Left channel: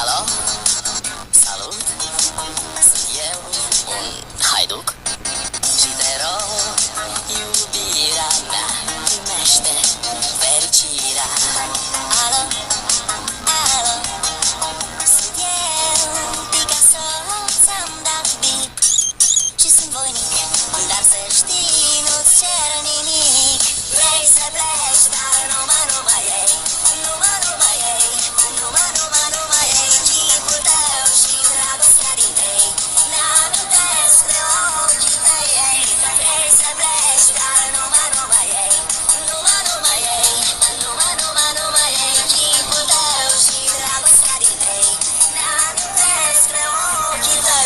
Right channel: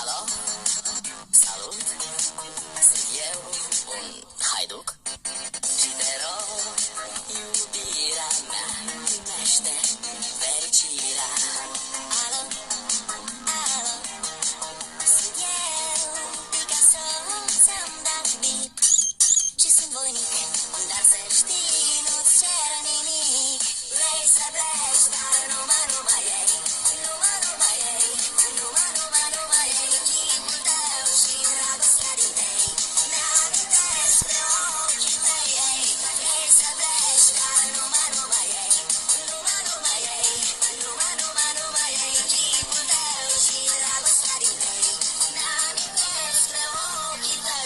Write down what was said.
Alo? Salut! Sunt eu, un haiduc și te rog, iubirea mea, primește fericirea. Alo? Alo? Sunt eu, Picasso, ți-am dat bip și sunt voinic, dar să știi, nu-ți cer nimic. Vrei să pleci, dar numai ei, numai ei, numai ei, chipul tău și dragostea din tei, ne-amintesc de ochii tăi, ei. Vrei să pleci, dar numai ei, numai ei, numai ei, chipul tău și dragostea din tei, ne-amintesc de ochii tăi.